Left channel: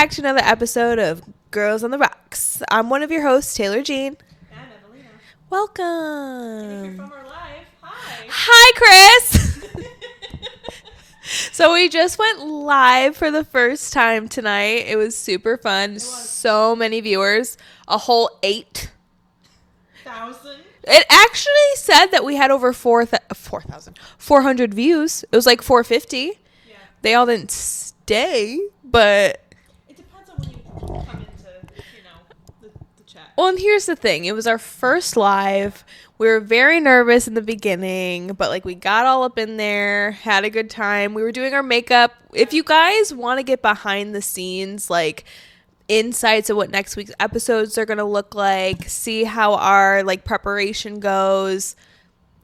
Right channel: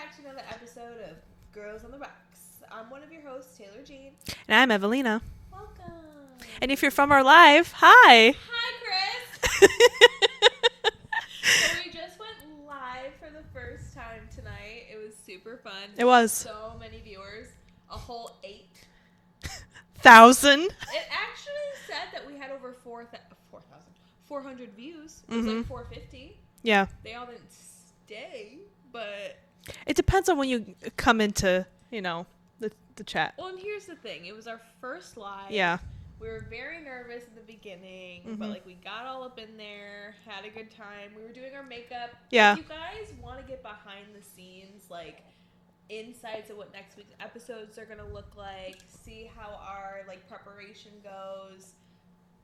back to another episode of Girls on the Rocks. I'm one of your hosts, Taylor Jean. And I'm Evelina. Welcome. And if you're from our live, hi. Hi, Chris. So we just went live for the first time tonight. It was super fun. It was. So many viewers. A whole 8,000. It actually said that we had over 400 views. It was like 450. Yeah. They all didn't stay, but... It depends on when you come into, the chat. Well, and here's the thing. It was our first live. Yeah. We were very nervous in the beginning, but like we got all up in there, had a good time. We were doing our makeup. Yeah. If you guys want to get behind the scenes, like insights of what next week's episodes are going to look like, see how our like preparation goes,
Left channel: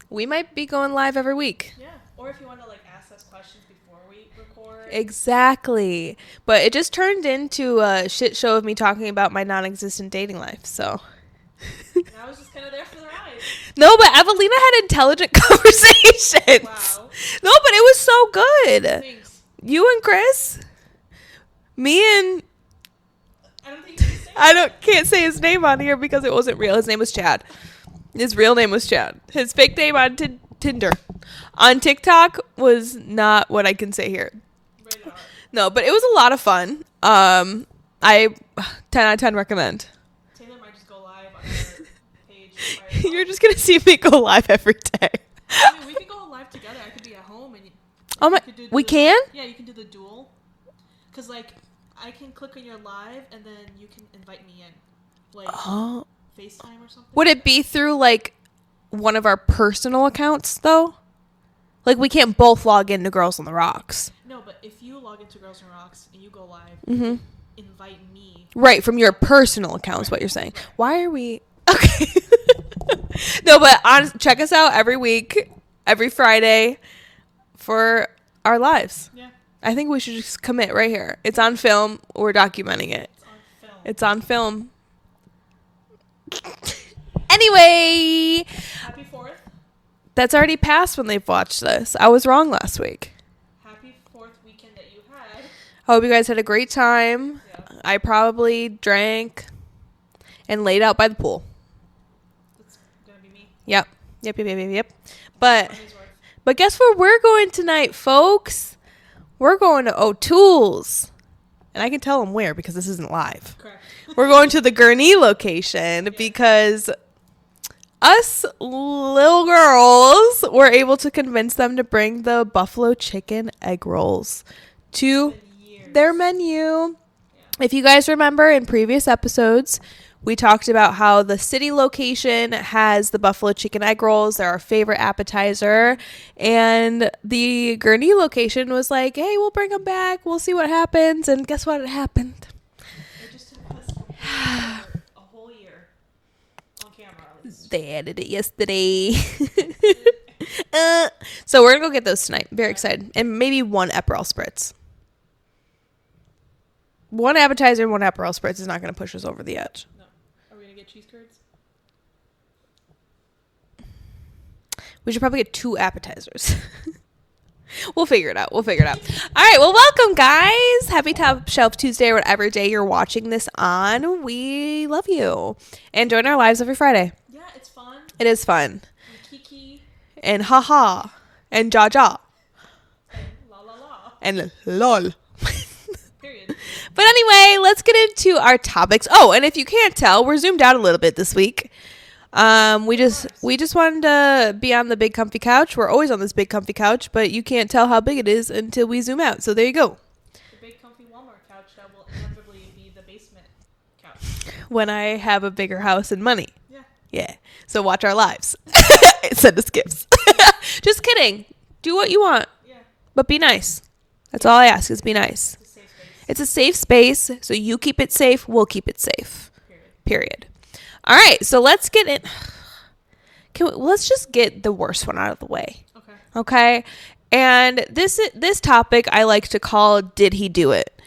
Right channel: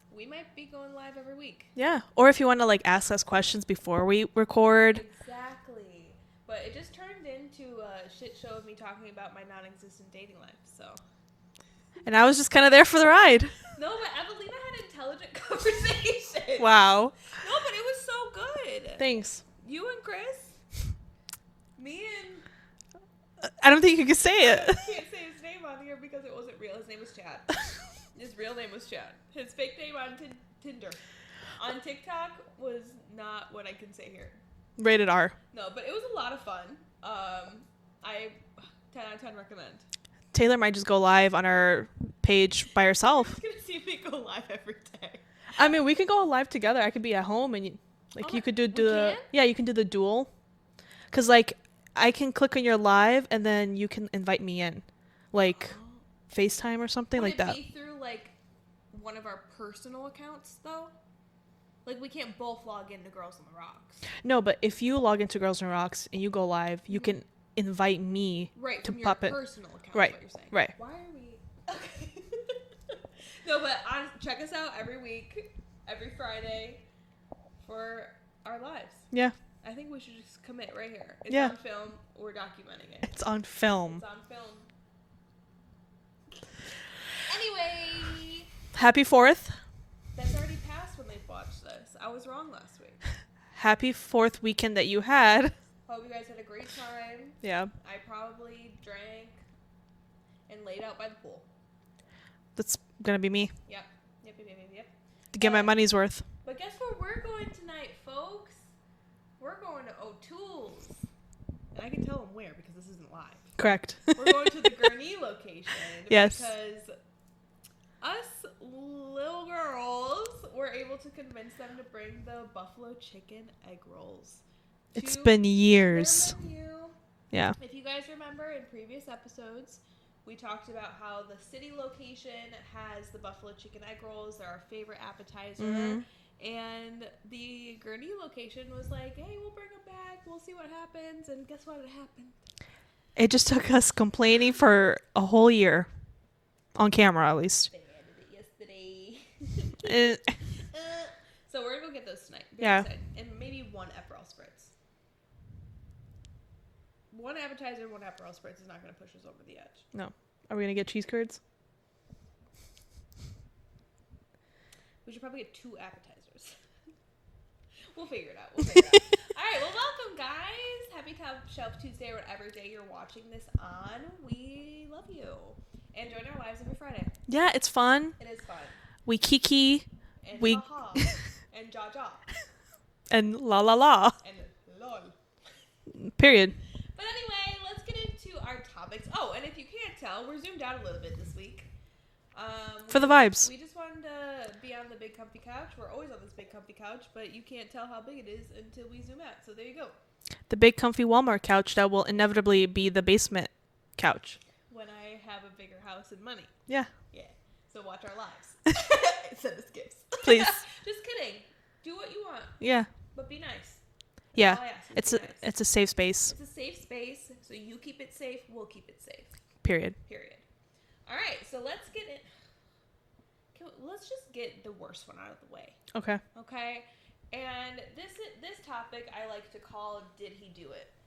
we might be going live every week. Yeah. Or if you want to like ask us questions before we record. Exactly. But it just turned into a shit show of me talking about my non-existent dating life. So... And I was just kind of there for the ride. No, but Evelina had intelligent conversations. Wow. No, but it was so good. Thanks. You and Chris, me and... I don't think you can say it. Can't say his name on here because it wasn't real. His name was Chad. His real name was Chad. His fake name on Tinder. On TikTok was not what I can say here. Rated R. No, but it was a lot of fun. I 10 out of 10 recommend. Taylor might just go live on our page by herself. You're just going to see me go live every day. I mean, we could go live together. I could be at home and you could do we can? Yeah, you can do the duel. Because, like, I can click on your live and then you can invite me in. Like, FaceTime or something. Would like it be through, like, one of our personal accounts, though? Like, we can't both log into Girls on the Rocks. No, but if you log into Girls on the Rocks and you go live, you can invite me. Right, from your personal account is what you're saying. Right. Why are we... Okay. No, but check us out every week, every Friday for our lives. Yeah. I think we should just commit right here. It's on film. We're documenting it. It's on film. It's on film. Anyway. Happy 4th. That's already passed when they've watched this. I was wrong last week. Happy 4th weekend that you had. I hope you guys had a great time. Yeah. I probably drank and laid out by the pool. That's going to be me. Yep. To get my money's worth. But guess where we're going tonight, folks? We're going to O'Toole's. And I can tell them where because this isn't live. Correct. We're going to the Gurney location because us little girls were able to convince them to bring the buffalo chicken egg rolls to It's been years. their menu. Yeah. If you guys remember in previous episodes, we talked about how the city location has the buffalo chicken egg rolls. They're our favorite appetizer. And the Gurney location was like, hey, we'll bring them back. We'll see what happens. And guess what? It happened. It just took us complaining for a whole year. On camera, at least. They added it yesterday. So we're going to go get those tonight. Very excited. And maybe one Aperol Spritz. One appetizer and one Aperol Spritz is not going to push us over the edge. No. Are we going to get cheese curds? We should probably get 2 appetizers. We'll figure it out. All right. Well, welcome, guys. Happy Top Shelf Tuesday or whatever day you're watching this on. We love you. And join our lives every Friday. Yeah, it's fun. It is fun. We kiki. And haha. And jaw. And la la la. And lol. Period. But anyway, let's get into our topics. Oh, and if you can't tell, we're zoomed out a little bit this week. We just wanted to be on the big comfy couch. We're always on this big comfy couch, but you can't tell how big it is until we zoom out. So there you go. The big comfy Walmart couch that will inevitably be the basement couch. When I have a bigger house and money. Yeah. Yeah. So watch our lives. Send us gifts. Just kidding. Do what you want. Yeah. But be nice. That's all I ask is be nice. It's a safe space. It's a safe space. So you keep it safe. We'll keep it safe. Period. All right. So let's get it. Let's just get the worst one out of the way. Okay. And this topic I like to call, did he do it?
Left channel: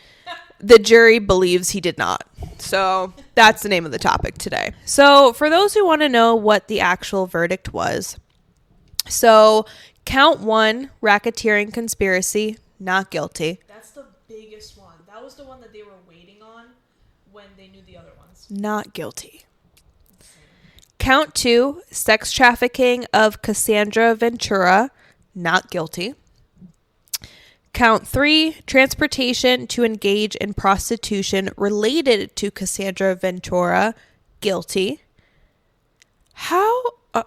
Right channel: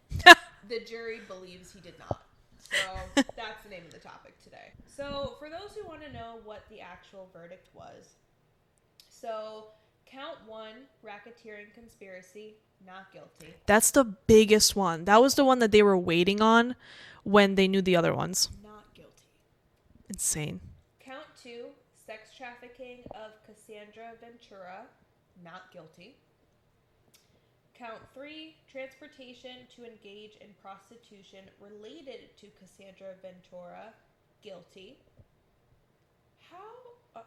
The jury believes he did not. So that's the name of the topic today. So for those who want to know what the actual verdict was. So count 1, racketeering conspiracy, not guilty. That's the biggest one. That was the one that they were waiting on when they knew the other ones. Not guilty. Insane. Count 2, sex trafficking of Cassandra Ventura, not guilty. Count 3, transportation to engage in prostitution related to Cassandra Ventura, guilty.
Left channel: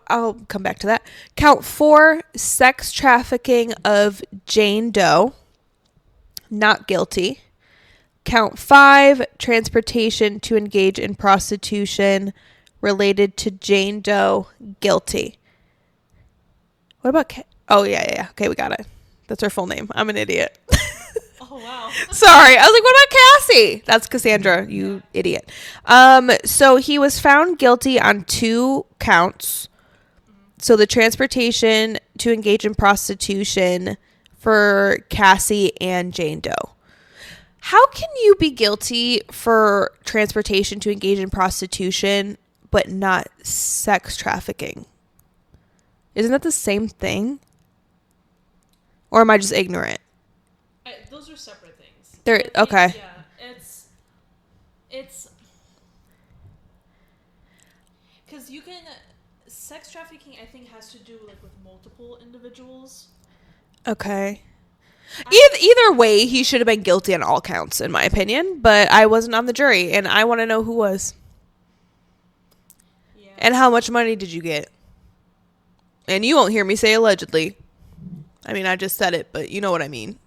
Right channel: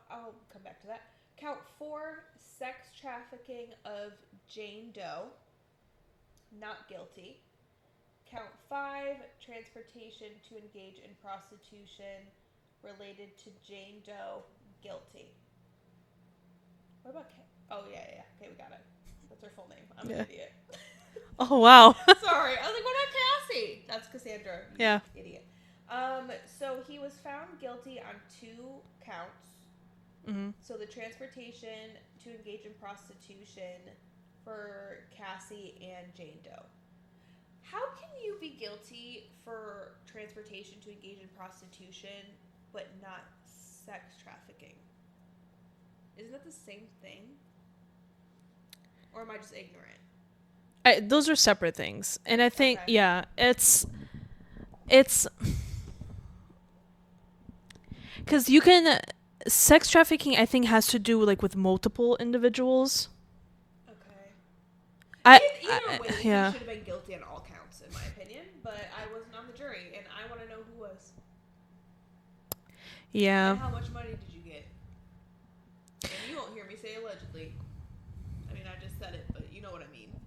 I'll come back to that. Count 4, sex trafficking of Jane Doe, not guilty. Count 5, transportation to engage in prostitution related to Jane Doe, guilty. What about oh, yeah. Okay, we got it. That's her full name. I'm an idiot. Oh, wow. Sorry. I was like, what about Cassie? That's Cassandra, you idiot. So he was found guilty on 2 counts. Mm-hmm. So the transportation to engage in prostitution for Cassie and Jane Doe. How can you be guilty for transportation to engage in prostitution but not sex trafficking? Isn't that the same thing? Or am I just ignorant? Those are separate things. They're okay. Yeah, it's because you can sex trafficking. I think has to do like with multiple individuals. Okay. Either way, he should have been guilty on all counts, in my opinion. But I wasn't on the jury, and I want to know who was. Yeah. And how much money did you get? And you won't hear me say allegedly. I mean, I just said it, but you know what I mean.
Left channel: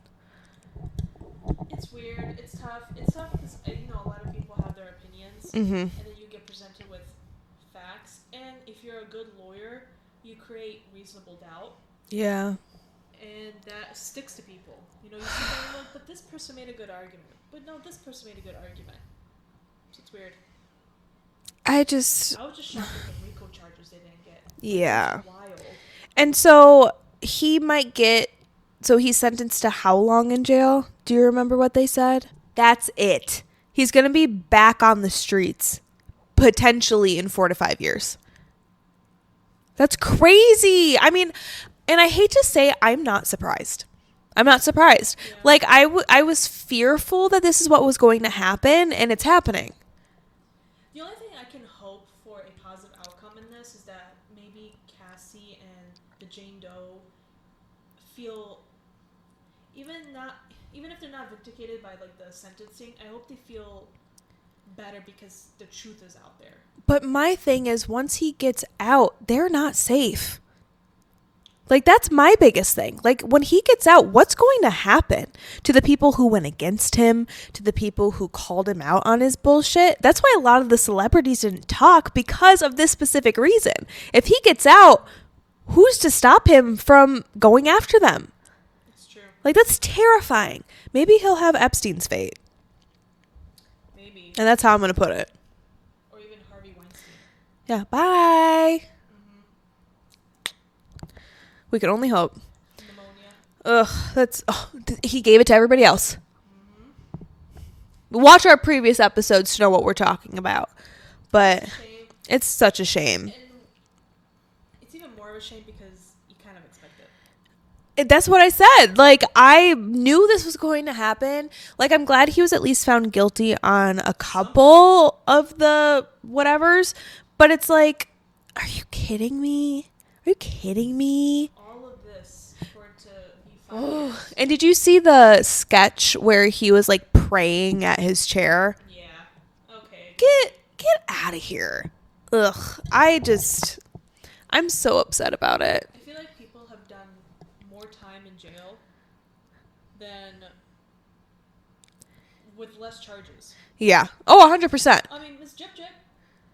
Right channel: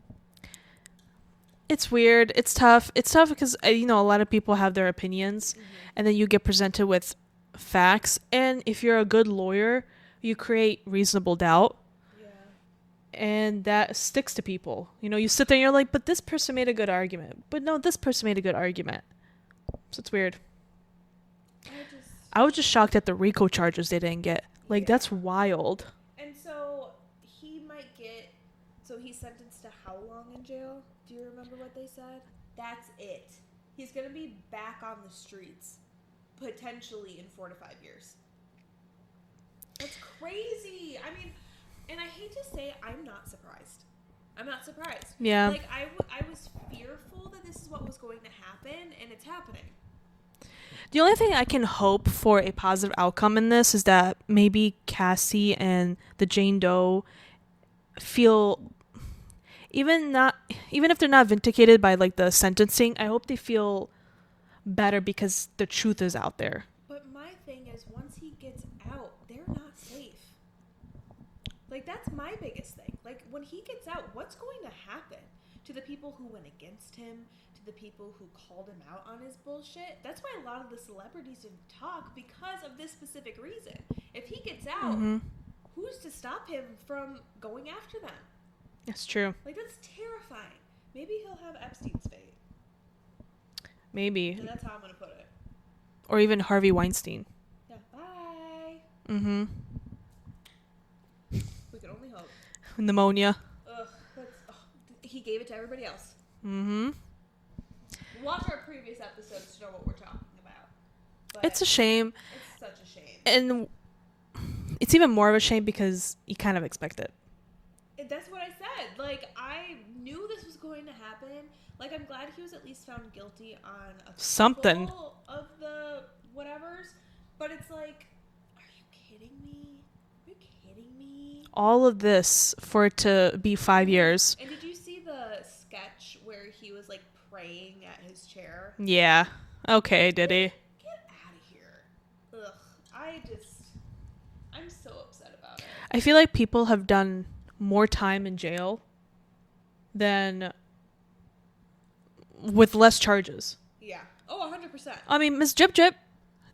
It's weird. It's tough. It's tough because, a lot of people have their opinions, and then you get presented with facts. And if you're a good lawyer, you create reasonable doubt. Yeah. And that sticks to people. You sit there and you're like, but this person made a good argument. But no, this person made a good argument. So it's weird. I was just shocked at the RICO charges they didn't get. That's wild. And so he might get, he's sentenced to how long in jail? Do you remember what they said? That's it. He's going to be back on the streets, potentially in 4 to 5 years. That's crazy. I mean, and I hate to say, I'm not surprised. Yeah. Like, I was fearful that this is what was going to happen, and it's happening. The only thing I can hope for a positive outcome in this is that maybe Cassie and the Jane Doe feel, even if they're not vindicated by like the sentencing, I hope they feel better because the truth is out there. But my thing is, once he gets out, they're not safe. Like, that's my biggest thing. Like, when he gets out, what's going to happen to the people who went against him, to the people who called him out on his bullshit? That's why a lot of the celebrities didn't talk, because of this specific reason. If he gets out, who's to stop him from going after them? That's true. Like, that's terrifying. Maybe he'll have Epstein's fate. Maybe. And that's how I'm going to put it. Or even Harvey Weinstein. Yeah. Bye. We can only hope. Pneumonia. Ugh. He gave it to everybody else. Watch our previous episodes to know what we're talking about. But it's a shame. It's such a shame. And it's even more of a shame because you kind of expect it. That's what I said. Like, I knew this was going to happen. Like, I'm glad he was at least found guilty on a couple of the whatevers. But it's like, are you kidding me? Are you kidding me? All of this for it to be 5 years. And did you see the sketch where he was like praying at his chair? Yeah. Okay, Diddy. Get out of here. Ugh. I'm so upset about it. I feel like people have done more time in jail than with less charges. Yeah. Oh, 100%. I mean, Miss Jip Jip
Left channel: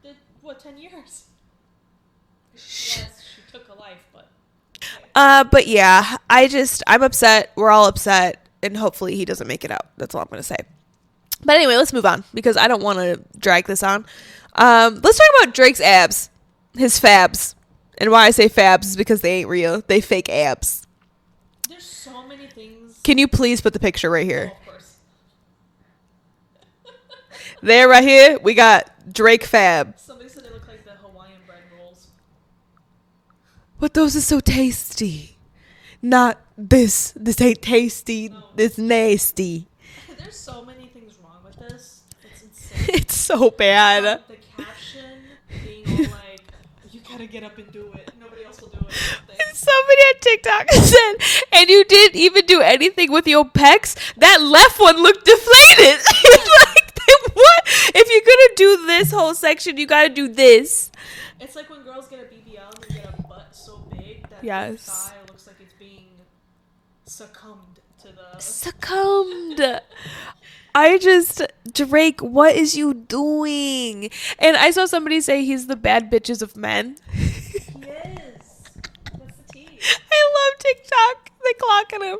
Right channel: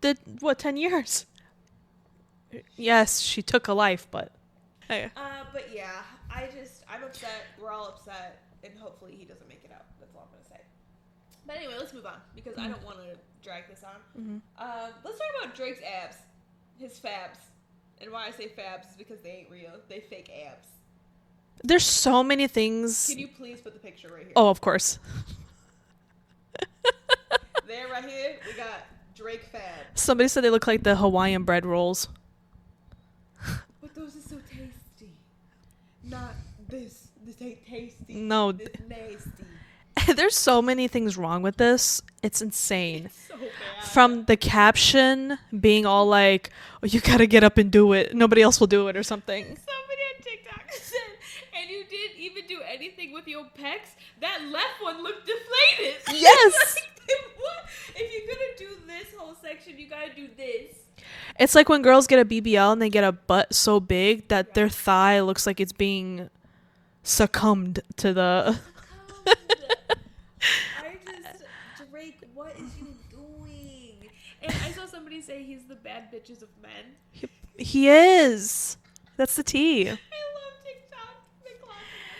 did, 10 years? Yes, she took a life, but... But yeah, I'm upset. We're all upset. And hopefully he doesn't make it out. That's all I'm going to say. But anyway, let's move on because I don't want to drag this on. Let's talk about Drake's abs. His fabs. And why I say fabs is because they ain't real. They fake abs. There's so many things. Can you please put the picture right here? Oh, of course. There, right here, we got Drake fab. Somebody said they look like the Hawaiian bread rolls. But those are so tasty. not this. This ain't tasty. No, this nasty. There's so many things wrong with this. It's insane. It's so bad. From the caption being all like, oh, you gotta get up and do it. Nobody else will do it or something. Somebody on TikTok said, and you didn't even do anything with your pecs. That left one looked deflated. Yes. Like, what? If you're gonna do this whole section, you gotta do this. It's like when girls get a BBL and they get a butt so big that their thigh looks like it's being succumbed to the... Drake, what is you doing? And I saw somebody say he's the bad bitches of men. He is. That's the tea. I love TikTok. They clocking him.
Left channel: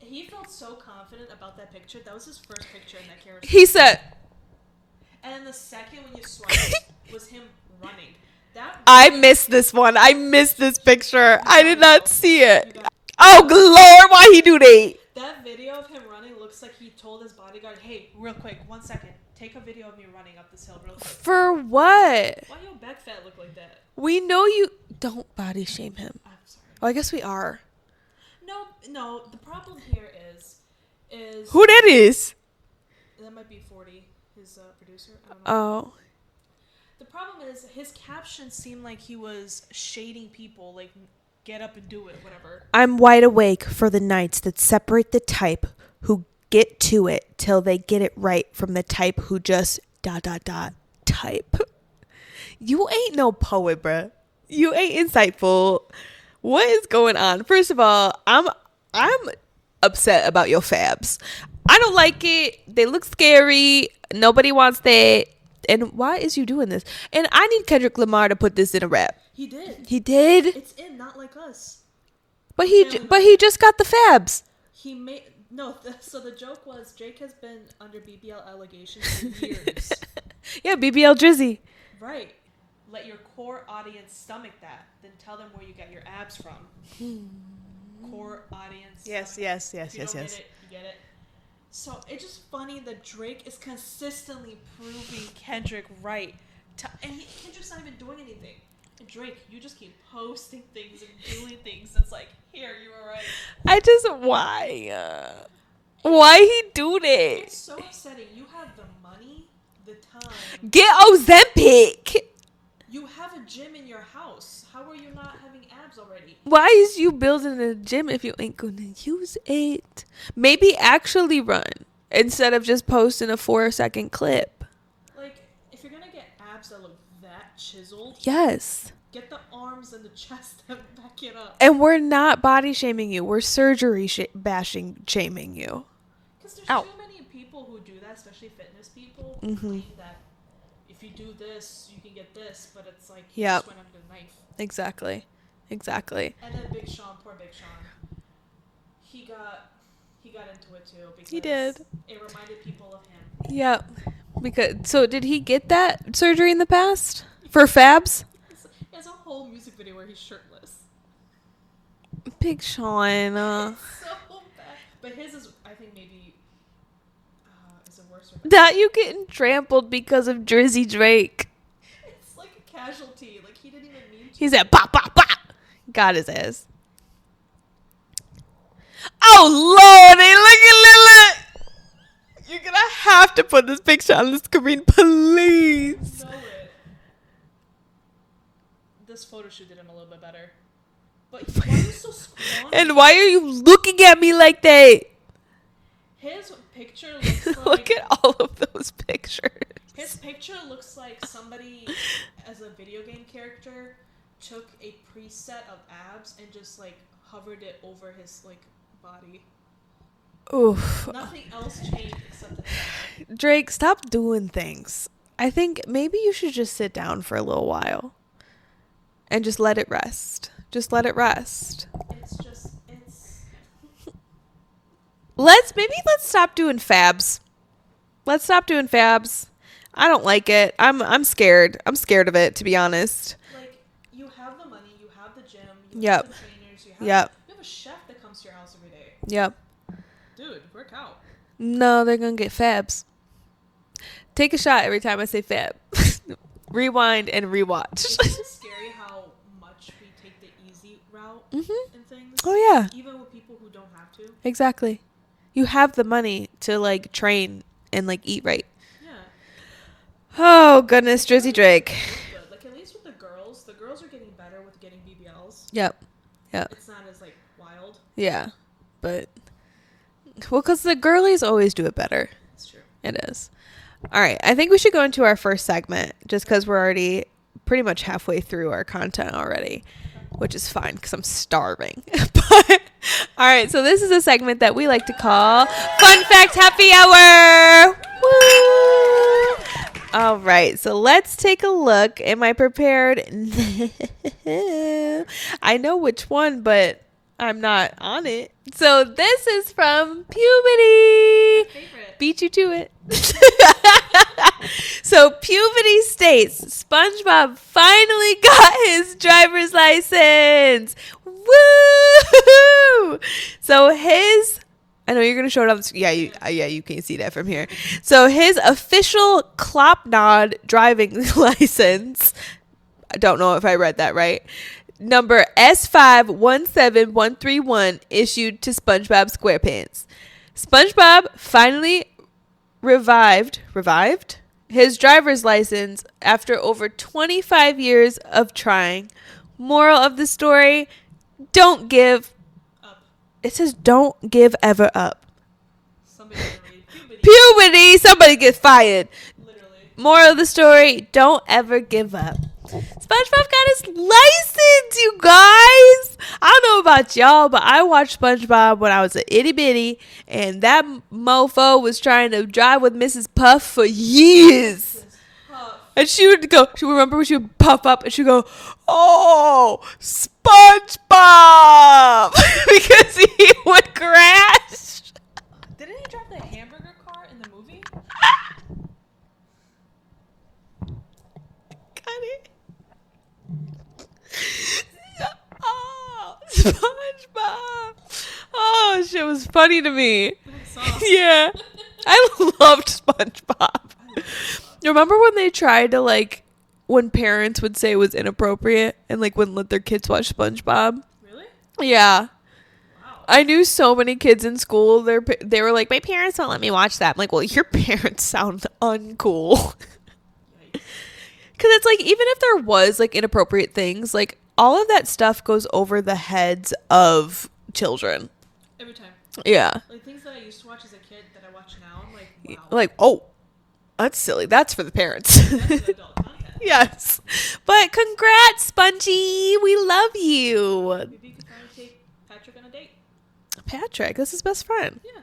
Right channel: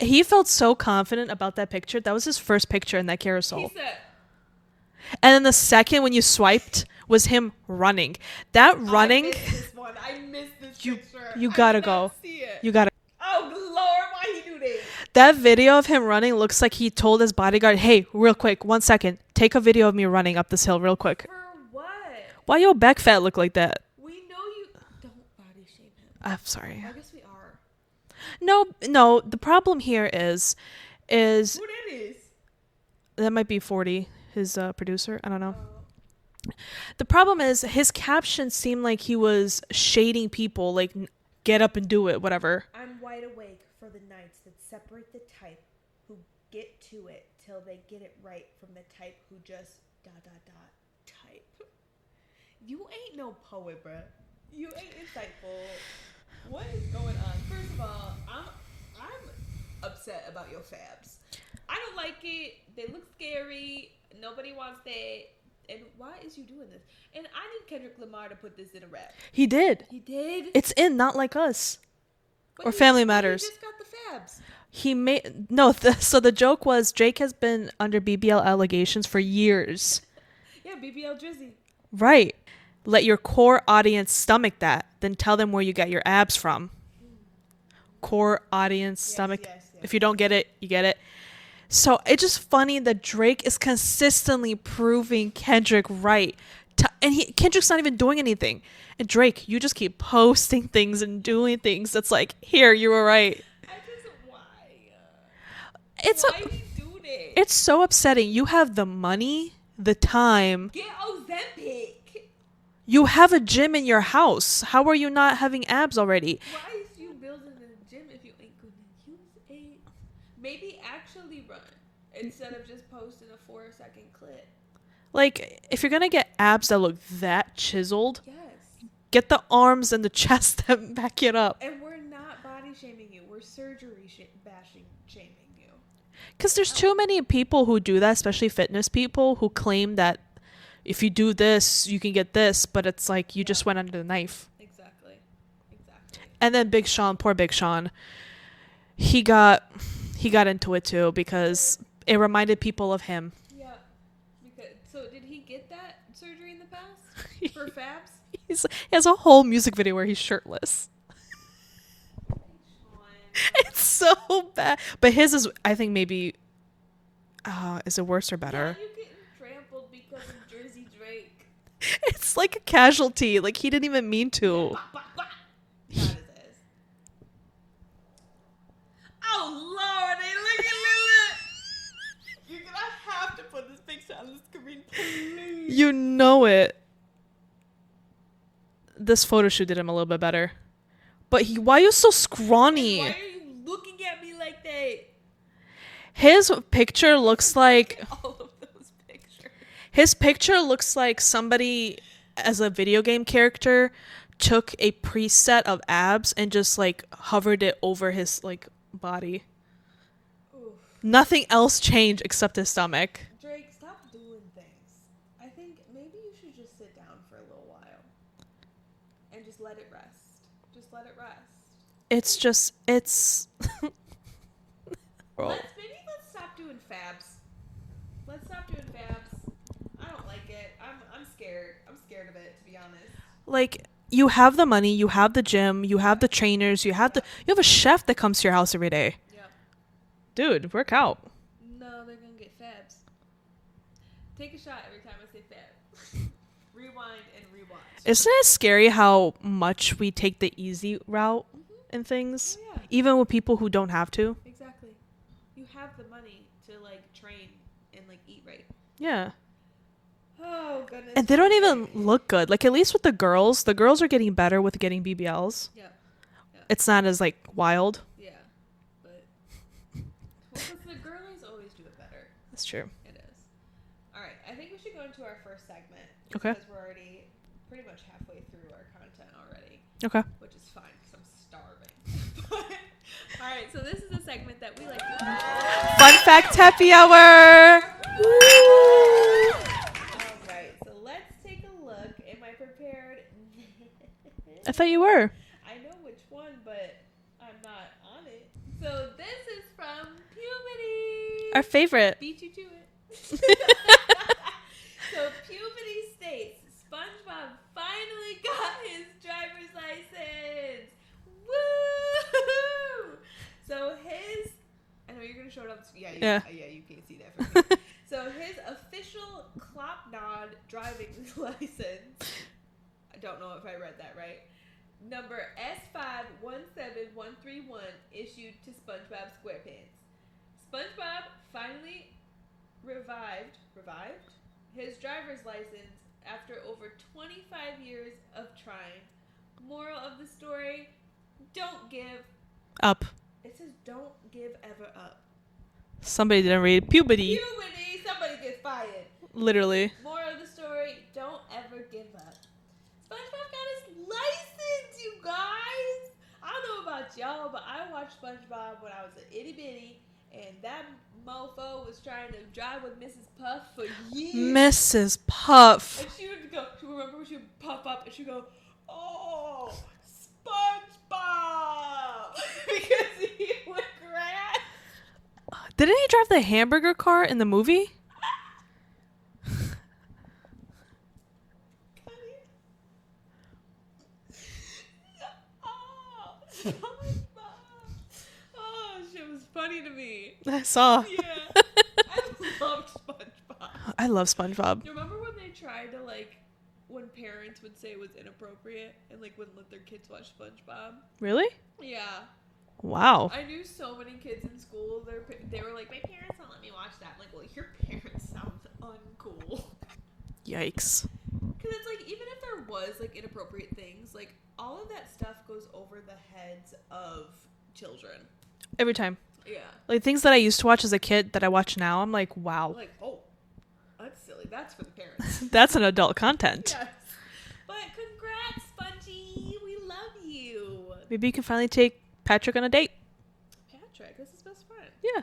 He felt so confident about that picture. That was his first picture in that carousel. He said... And then the second when you swiped was him running. That running... I missed this one. I missed this picture. I did not see it. You gotta... Oh, Lord, why he do that? That video of him running looks like he told his bodyguard, hey, real quick, 1 second. Take a video of me running up this hill real quick. For what? Why your back fat look like that? We know you... Don't body shame him. I'm sorry. Well, I guess we are. No. The problem here is... Who that is? That might be 40, his producer. I don't know. Oh. The problem is his captions seem like he was shading people, like... Get up and do it, whatever. I'm wide awake for the nights that separate the type who get to it till they get it right from the type who just ... type. You ain't no poet, bruh. You ain't insightful. What is going on? First of all, I'm upset about your fabs. I don't like it. They look scary. Nobody wants that. And why is you doing this? And I need Kendrick Lamar to put this in a rap. He did. It's in Not Like Us. But he just got the fabs. So the joke was Drake has been under BBL allegations for years. Yeah, BBL Drizzy. Right. Let your core audience stomach that. Then tell them where you got your abs from. Core audience stomach. Yes. If you don't get it, you get it. So it's just funny that Drake is consistently proving Kendrick right. Kendrick's not even doing anything. And Drake, you just keep posting things and doing things that's like, here, you were right. Why he do that? It's so upsetting. You have the money, the time. Get Ozempic. You have a gym in your house. How are you not having abs already? Why is you building a gym if you ain't gonna use it? Maybe actually run instead of just posting a 4-second clip. Like, if you're gonna get abs that look that chiseled, yes, get the arms and the chest that back it up. And we're not body shaming you. We're surgery shaming you. Because there's too many people who do that, especially fitness people, who claim that if you do this, you can get this, but it's like you just went under the knife. Exactly. And then Big Sean, poor Big Sean, he got into it too because it reminded people of him. Yeah. So did he get that surgery in the past for fabs? He has a whole music video where he's shirtless. Big Sean. It's so bad. But his is, I think, maybe... is it worse or better? That you getting trampled because of Drizzy Drake. It's like a casualty. Like, he didn't even mean to. He said, pop, pop, pop. Got his ass. Oh, Lordy. Look at Lila. You're going to have to put this picture on the screen, please. You know it. This photo shoot did him a little bit better. But why are you so scrawny? And why are you looking at me like that? His picture looks like... Look at all of those pictures. His picture looks like somebody, as a video game character, took a preset of abs and just, like, hovered it over his, like, body. Oof. Nothing else changed except his stomach. Drake, stop doing things. I think maybe you should just sit down for a little while and just let it rest. Just let it rest. It's Let's stop doing fabs. Let's stop doing fabs. I don't like it. I'm scared. I'm scared of it, to be honest. Like, you have the money, you have the gym, you have the trainers, you have a chef that comes to your house every day. Yep. Dude, work out. No, they're gonna get fabs. Take a shot every time I say fab. rewind, and rewatch. Isn't it scary how much we take the easy route in things? Oh, yeah. Even with people who don't have to. Exactly. You have the money to, like, train and, like, eat right. Yeah. Oh, goodness. And Drizzy Drake. Even look good. Like, at least with the girls are getting better with getting BBLs. Yep. It's not as, like, wild. Yeah. But, well, because the girlies always do it better. That's true. It is. All right. I think we should go into our first segment just because we're already pretty much halfway through our content already. Okay. Which is fine because I'm starving. But, all right. So this is a segment that we like to call Fun Fact Happy Hour. Woo! All right. So let's take a look. Am I prepared? I thought you were. I know which one, but I'm not on it. So this is from Puberty. Our favorite. Beat you to it. So Puberty states SpongeBob finally got his driver's license. Woo! So his, I know you're gonna show it up. Yeah, you can see that from here. So his official Klopnod driving license. I don't know if I read that right. Number S517131 issued to SpongeBob SquarePants. SpongeBob finally revived his driver's license after over 25 years of trying. Moral of the story, don't give up. It says don't give ever up. Somebody didn't read puberty. Somebody get fired. Literally. Moral of the story, don't ever give up. SpongeBob got his license, you guys. I don't know about y'all, but I watched SpongeBob when I was an itty bitty, and that mofo was trying to drive with Mrs. Puff for years. Mrs. Puff. And she would remember when she would puff up and she'd go, oh, SpongeBob, because he would crash. Didn't he drive the hamburger car in the movie? SpongeBob. Oh, shit was funny to me. I saw. Yeah. I loved SpongeBob. I love SpongeBob. Remember when they tried to, like, when parents would say it was inappropriate and, like, wouldn't let their kids watch SpongeBob? Really? Yeah. Wow. I knew so many kids in school. They were like, my parents won't let me watch that. I'm like, well, your parents sound uncool. Yikes. Because it's like, even if there was, like, inappropriate things, like, all of that stuff goes over the heads of children. Every time. Yeah. Like, things that I used to watch as a kid that I watch now, I'm like, wow. Like, oh, that's silly. That's for the parents. That's an adult content. Yes. But congrats, Spongy. We love you. Maybe you can finally take Patrick on a date. Patrick, that's his best friend. Yeah.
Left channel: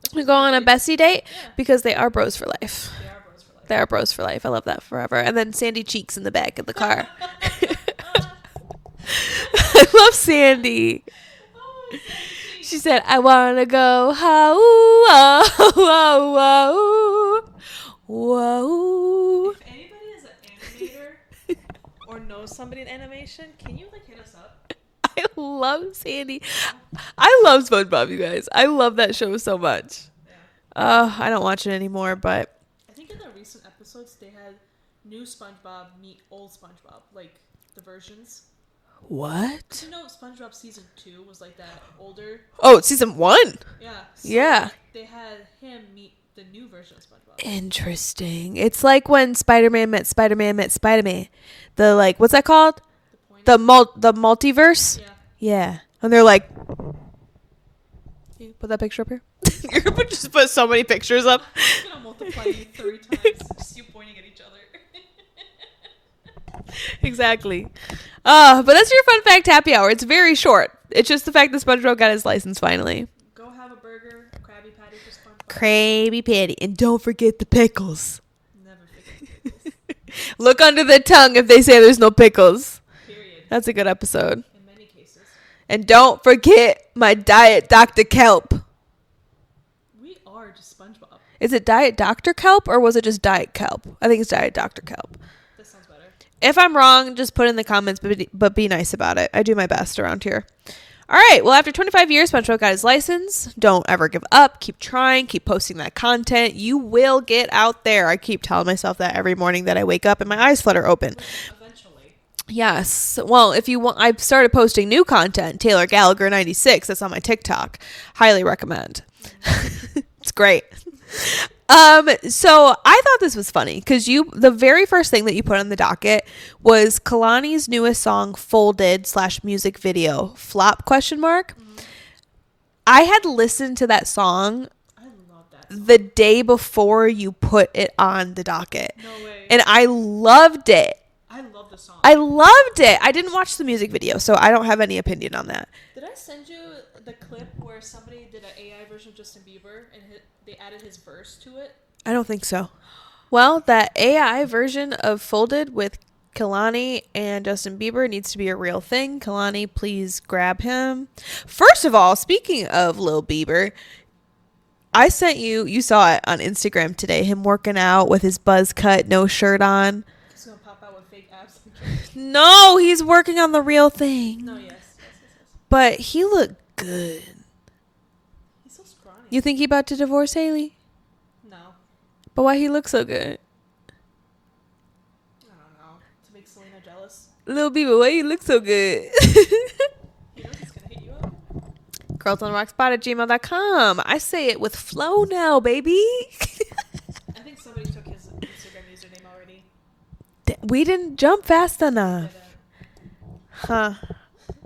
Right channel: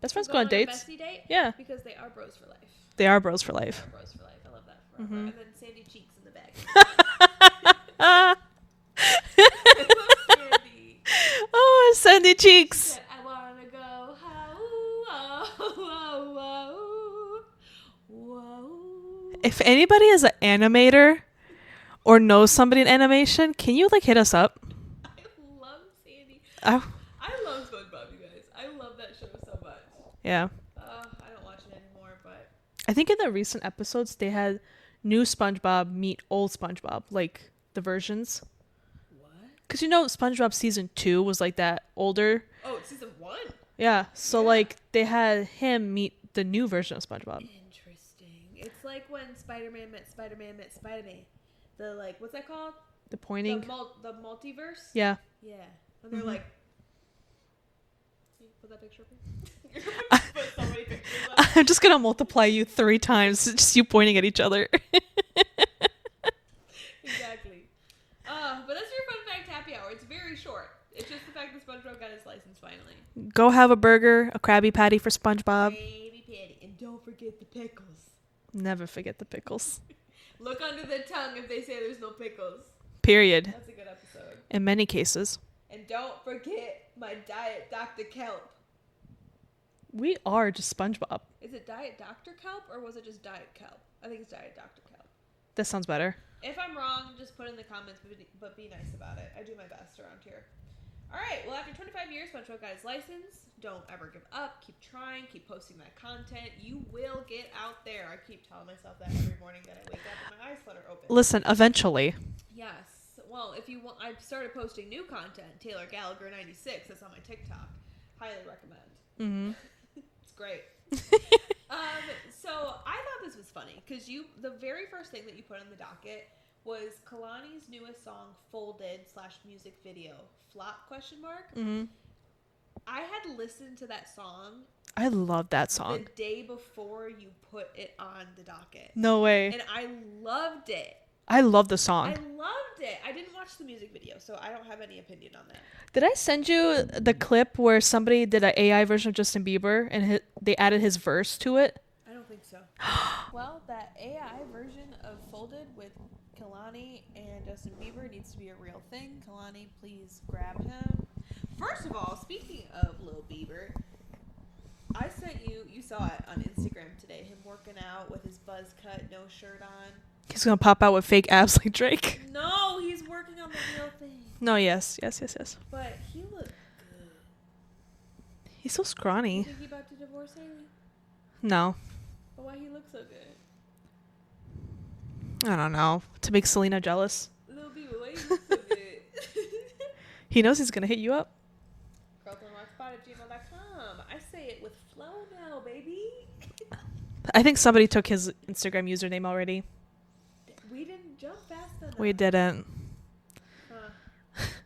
That's we go on a bestie date? Yeah. Because they are bros for life. They are bros for life. They are bros for life. I love that forever. And then Sandy Cheeks in the back of the car. I love Sandy. Oh, Sandy Cheeks. She said, I want to go whoa, whoa, whoa. If anybody is an animator or knows somebody in animation, can you, like, hit us up? I love Sandy. I love SpongeBob, you guys. I love that show so much. Yeah. I don't watch it anymore, but I think in the recent episodes, they had new SpongeBob meet old SpongeBob, like the versions. What? Because, you know, SpongeBob season 2 was like that older. Oh, it's season 1. Yeah. So, like, they had him meet the new version of SpongeBob. Interesting. It's like when Spider-Man met Spider-Man. The, like, what's that called? The pointing. The multiverse? Yeah. Yeah. And they're like, put that picture up here. You're going to just put so many pictures up. I'm just going to multiply you 3 times. Just you pointing at each other. Exactly. But that's your fun fact happy hour. It's very short. It's just the fact that SpongeBob got his license finally. Go have a burger, a Krabby Patty for SpongeBob. Krabby Patty. And don't forget the pickles. Never forget the pickles. Look under the tongue if they say there's no pickles. Period. That's a good episode. In many cases. And don't forget my Diet Dr. Kelp. We are just SpongeBob. Is it Diet Dr. Kelp or was it just Diet Kelp? I think it's Diet Dr. Kelp. That sounds better. If I'm wrong, just put in the comments, but be nice about it. I do my best around here. All right. Well, after 25 years, SpongeBob got his license. Don't ever give up. Keep trying. Keep posting that content. You will get out there. I keep telling myself that every morning that I wake up and my eyes flutter open. Listen, eventually. Yes. Well, if you want, I've started posting new content. Taylor Gallagher 96. That's on my TikTok. Highly recommend. Mm-hmm. It's great. So I thought this was funny because the very first thing that you put on the docket was Kehlani's newest song, Folded / music video, flop ? Mm-hmm. I had listened to that song. I love that song. The day before you put it on the docket. No way. And I loved it. I love the song. I loved it. I didn't watch the music video, so I don't have any opinion on that. Did I send you the clip where somebody did an AI version of Justin Bieber and they added his verse to it? I don't think so. Well, that AI version of Folded with Kehlani and Justin Bieber needs to be a real thing. Kehlani, please grab him. First of all, speaking of Lil Bieber, I sent you saw it on Instagram today, him working out with his buzz cut, no shirt on. He's going to pop out with fake abs like Drake. No, he's working on the real thing. No, yes. But he looked good. He's so scrawny. You think he about to divorce Haley? No. But why he look so good? I don't know. To make Selena jealous. Lil Bieber, why you look so good? He knows he's going to hit you up. girlsontherockspot@gmail.com. I say it with flow now, baby. I think somebody took his Instagram username already. We didn't jump fast enough. We didn't. Huh.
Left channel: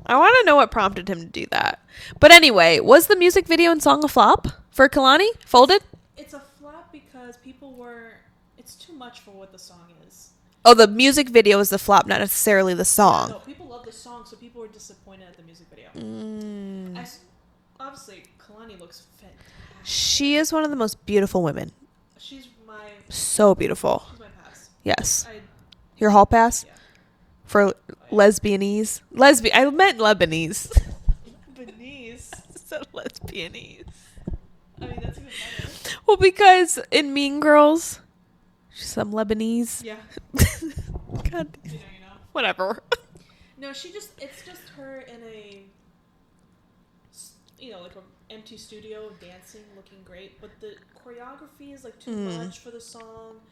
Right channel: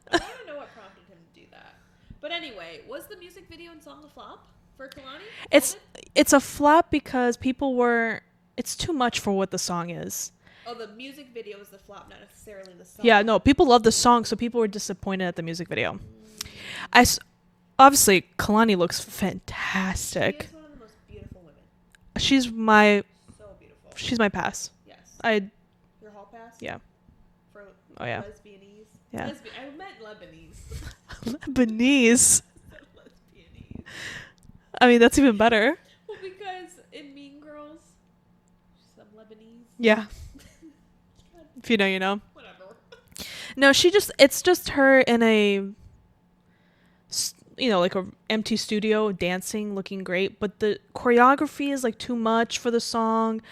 I want to know what prompted him to do that. But anyway, was the music video and song a flop for Kehlani? Folded? It's a flop because it's too much for what the song is. Oh, the music video is the flop, not necessarily the song. Yeah, no, people love the song, so people were disappointed at the music video. Obviously, Kehlani looks fantastic. She is one of the most beautiful women. So beautiful. She's my pass. Yes. Your hall pass? Yeah. For lesbianese? Yeah. I meant Lebanese. Lebanese? So lesbianese. I mean, that's even better. Well, because in Mean Girls, she's some Lebanese. Yeah. God. If you know, you know. Whatever. No, it's just her in a, like a empty studio dancing, looking great. But the choreography is like too much for the song.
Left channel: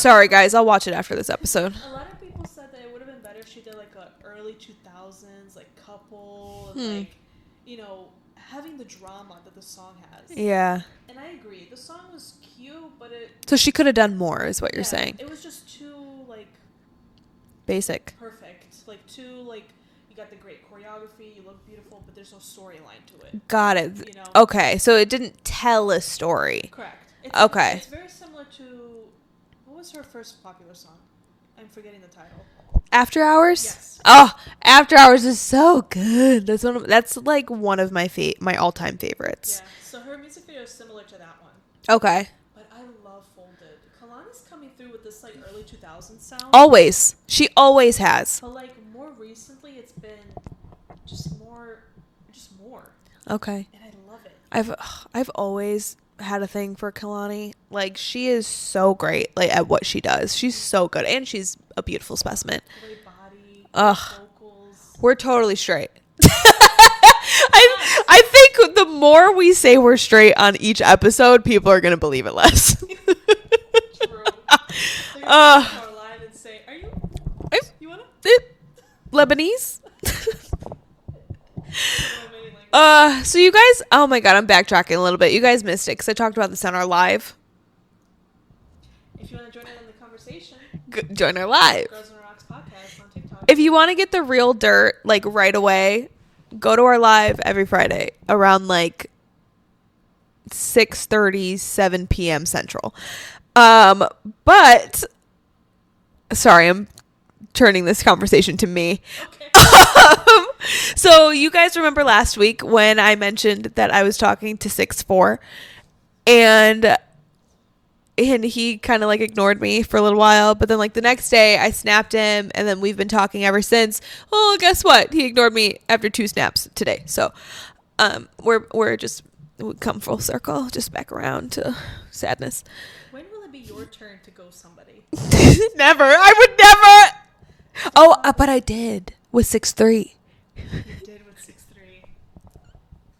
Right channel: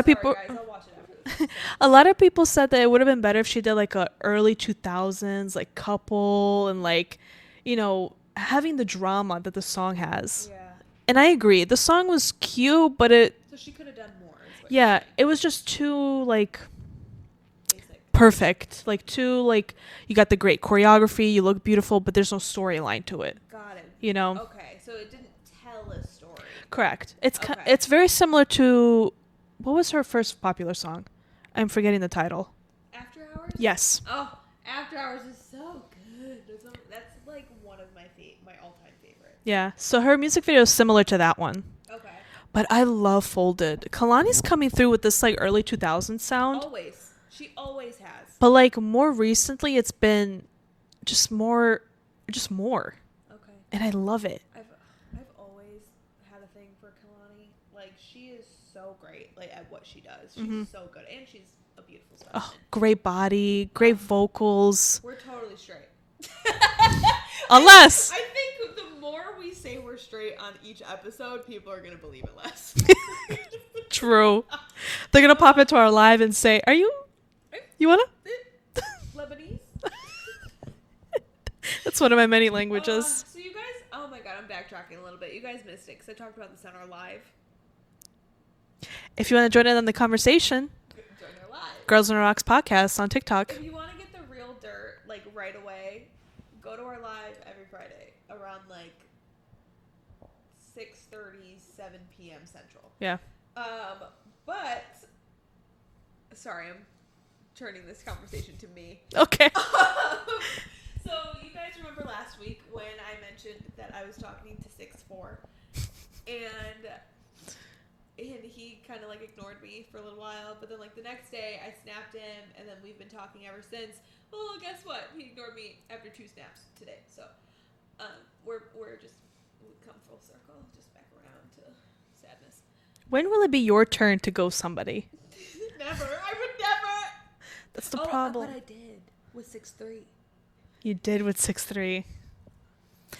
Sorry, guys. I'll watch it after this episode. A lot of people said that it would have been better if she did like a early 2000s like couple and like, having the drama that the song has. Yeah. And I agree. The song was cute, but so she could have done more is what you're saying. It was just too like basic. Perfect. Like too like you got the great choreography, you look beautiful, but there's no storyline to it. Got it. Okay. So it didn't tell a story. Correct. It's very similar to what was her first popular song? I'm forgetting the title. After Hours? Yes. Oh, After Hours is so good. That's like one of my all-time favorites. Yeah. So her music video is similar to that one. Okay. But I love Folded. Kehlani's coming through with this like early 2000s sound. Always. She always has. But like more recently it's been just more. Okay. And I love it. I've always had a thing for Kehlani. Like she is so great at what she does. She's so good and she's a beautiful specimen. Great body, great vocals. We're totally straight. Unless I think the more we say we're straight on each episode, people are gonna believe it less. True. They're gonna pop into our live and say, "Are you wanna Lebanese?" It's one of my many languages. So you guys, oh my God, I'm backtracking a little bit. You guys missed it because I talked about this on our live. If you want to join in on the conversation, join our live. Girls on the Rocks podcast on TikTok. If you want to get the real dirt, like right away, go to our live every Friday around like 6:30, 7 p.m. Central. Yeah. But sorry, I'm turning this conversation to me. Okay. So you guys remember last week when I mentioned that I was talking to 6'4", and he kind of like ignored me for a little while, but then like the next day I snapped him, and then we've been talking ever since. Well, guess what? He ignored me after 2 snaps today. So we come full circle, just back around to sadness. When will it be your turn to go somebody? Never. I would never. But I did with 6'3". You did with 6'3".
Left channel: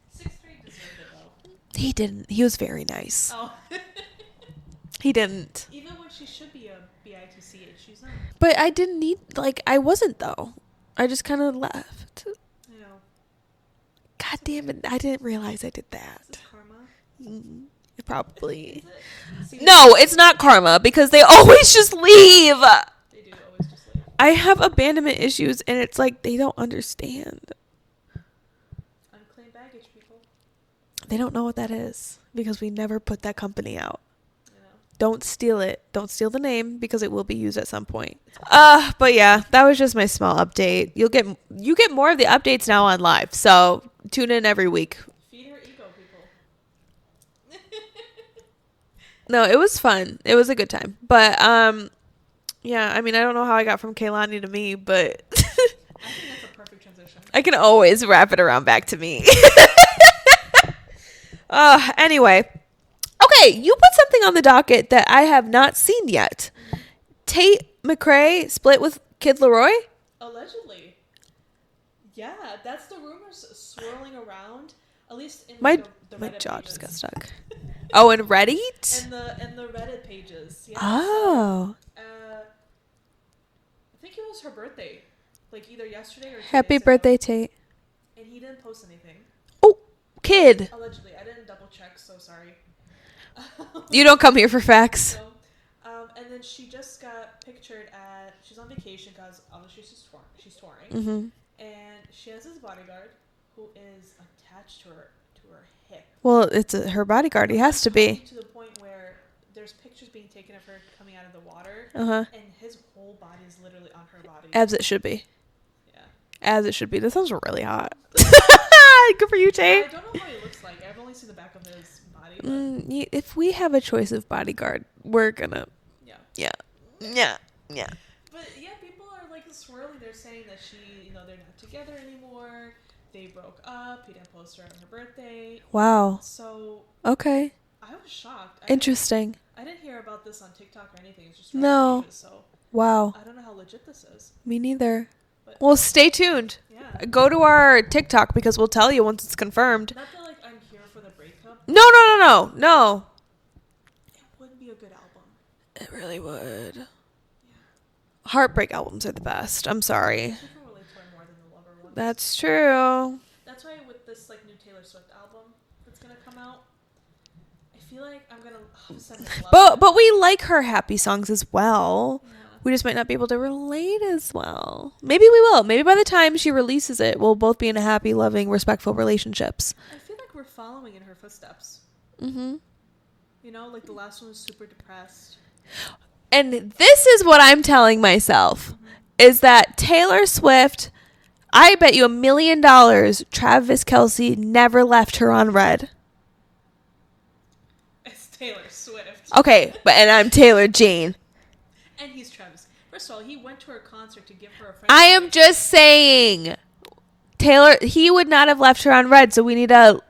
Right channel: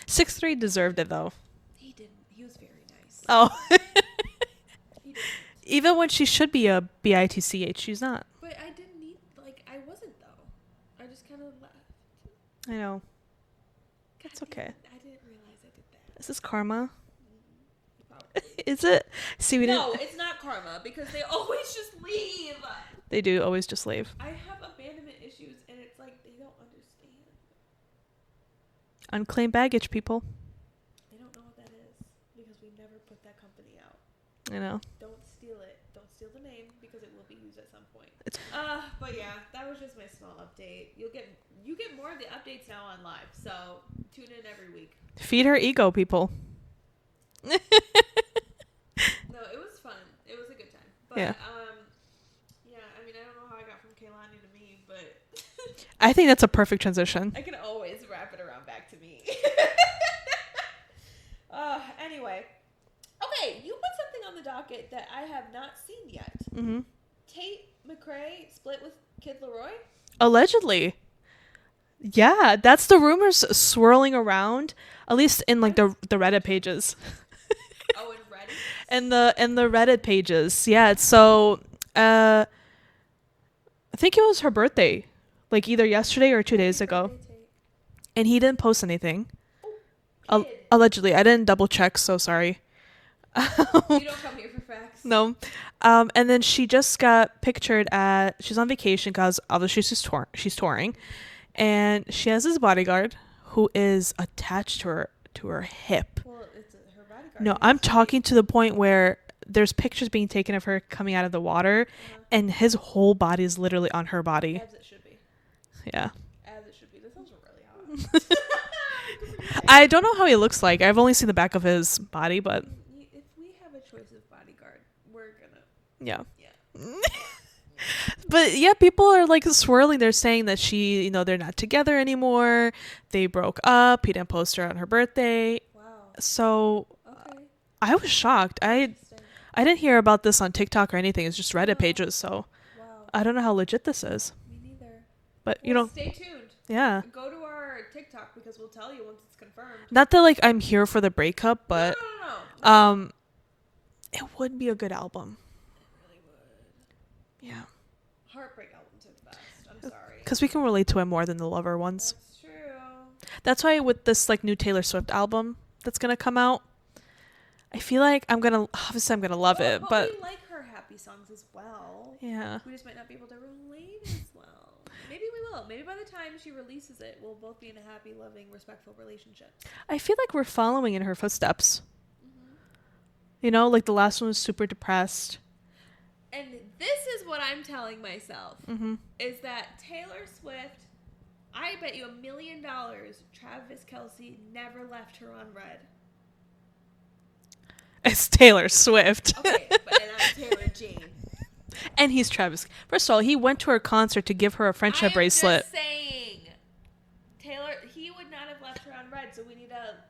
6'3" deserved it though. He didn't. He was very nice. Oh. He didn't. Even when she should be a bitch, she's not. But I didn't need, like, I wasn't, though. I just kind of left. I know. God damn it. I didn't realize I did that. Is this karma? Probably. Is it? See, no, it's not karma because they always just leave. They do always just leave. I have abandonment issues, and it's like they don't understand. Unclaimed baggage, people. They don't know what that is because we never put that company out. I know. Don't steal it. Don't steal the name because it will be used at some point. But yeah, that was just my small update. You get more of the updates now on live, so tune in every week. Feed her ego, people. No, it was fun. It was a good time. But yeah, I mean, I don't know how I got from Kehlani to me, but I think that's a perfect transition. I can always wrap it around back to me. Anyway. Okay, you put something on the docket that I have not seen yet. Mm-hmm. Tate McRae split with Kid LAROI? Allegedly. Yeah, that's the rumors swirling around, at least in like the Reddit pages. Oh, in Reddit? In the Reddit pages. Yeah. Oh. So I think it was her birthday. Like either yesterday or 2 days ago. Happy birthday, Tate. And he didn't post anything. Oh, kid. Allegedly. I didn't double check, so sorry. You don't come here for facts. No. And then she just got pictured she's on vacation because obviously she's touring. Mm-hmm. And she has this bodyguard who is attached to her hip. Well, it's her bodyguard. No, I'm talking to the point where there's pictures being taken of her coming out of the water, and his whole body is literally on her body. As it should be. Yeah. As it should be. This sounds really hot. Good for you, Tate. I don't know how he looks like. I've only seen the back of his body, but if we have a choice of bodyguard, we're gonna yeah. But yeah, people are like swirling. They're saying that they're not together anymore. They broke up. He didn't post her on her birthday. Wow. So okay, I was shocked. Interesting. I didn't hear about this on TikTok or anything. It's just Reddit pages. So wow, I don't know how legit this is. Me neither. But well, stay tuned. Yeah. Go to our TikTok because we'll tell you once it's confirmed. Not that like I'm here for the breakup. But, no. It would be a good album. It really would. Yeah. Heartbreak albums are the best. I'm sorry. Because we can relate to it more than the lover ones. That's true. That's why with this like new Taylor Swift album that's going to come out, I feel like I'm going to love it. But we like her happy songs as well. Yeah. We just might not be able to relate as well. Maybe we will. Maybe by the time she releases it, we'll both be in a happy, loving, respectful relationships. I feel like we're following in her footsteps. Mm-hmm. You know, like the last one was super depressed. And this is what I'm telling myself, is that Taylor Swift, I bet you $1 million Travis Kelce never left her on red. It's Taylor Swift. Okay, and I'm Taylor Jane. And he's Travis. First of all, he went to her concert to give her a friendship bracelet. I am just saying, Taylor, he would not have left her on red, so we need to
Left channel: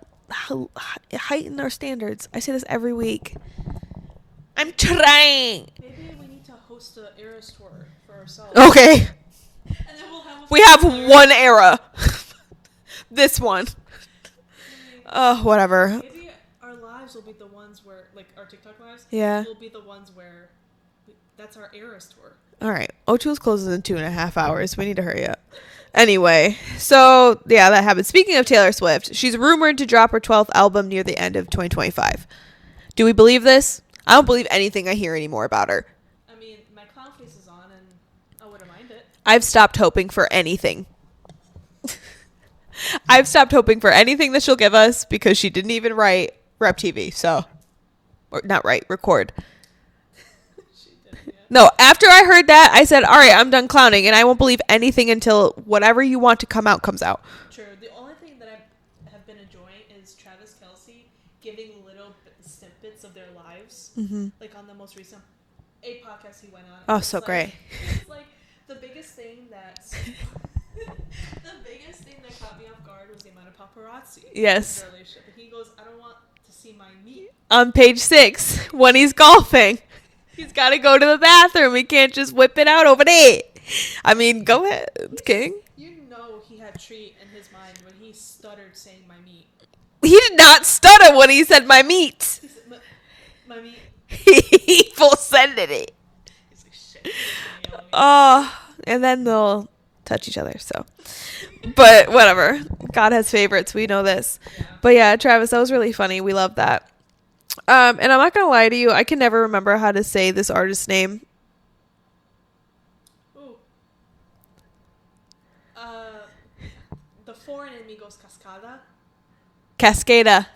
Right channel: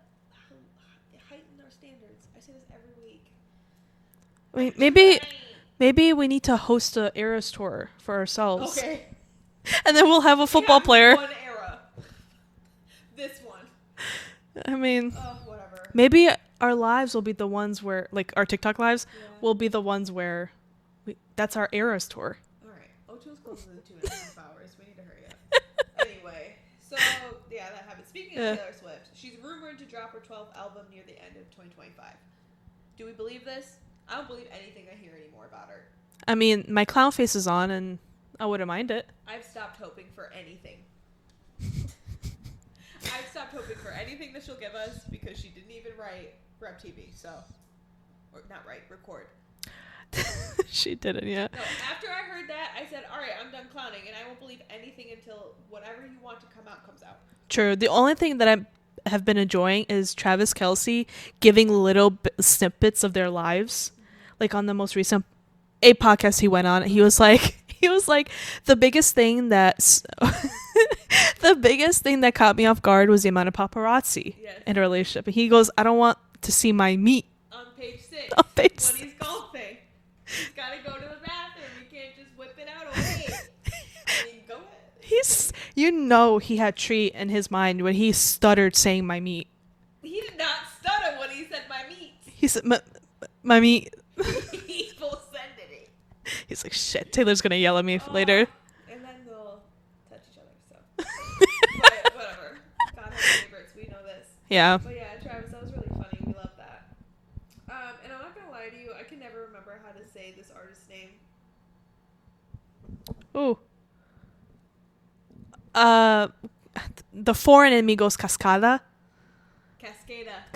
heighten our standards. I say this every week. I'm trying. Maybe we need to host a Eras tour for ourselves. Okay. And then we'll have a football player. One era. This one. I mean, whatever. Maybe our lives will be the ones where, like, our TikTok lives will be the ones where that's our Eras tour. All right. O2's closes in 2.5 hours. We need to hurry up. Anyway, so, yeah, that happened. Speaking of Taylor Swift, she's rumored to drop her 12th album near the end of 2025. Do we believe this? I don't believe anything I hear anymore about her. I mean, my clown face is on, and I wouldn't mind it. I've stopped hoping for anything. I've stopped hoping for anything that she'll give us because she didn't even write Rep TV, so... Or not write, record. She didn't, yeah. No, after I heard that, I said, all right, I'm done clowning, and I won't believe anything until whatever you want to come out comes out. True. The only thing that I have been enjoying is Travis Kelce giving little snippets of their lives. Mm-hmm. Like on the most recent podcast he went on, and he was like, the biggest thing that caught me off guard was the amount of paparazzi in a relationship. And he goes, I don't want to see my meat on page 6 when he's golfing. He's got to go to the bathroom. He can't just whip it out over there. I mean, go ahead. King. You know he had treat in his mind when he stuttered saying my meat. He did not stutter when he said my meat. He said my meat. He full said it. He's like, shit, Taylor's gonna yell at me later. And then they'll touch each other, so. But whatever. God has favorites. We know this. Yeah. But yeah, Travis, that was really funny. We love that. And I'm not gonna lie to you, I can never remember how to say this artist's name. Ooh. The foreign in me goes Cascada. Cascada.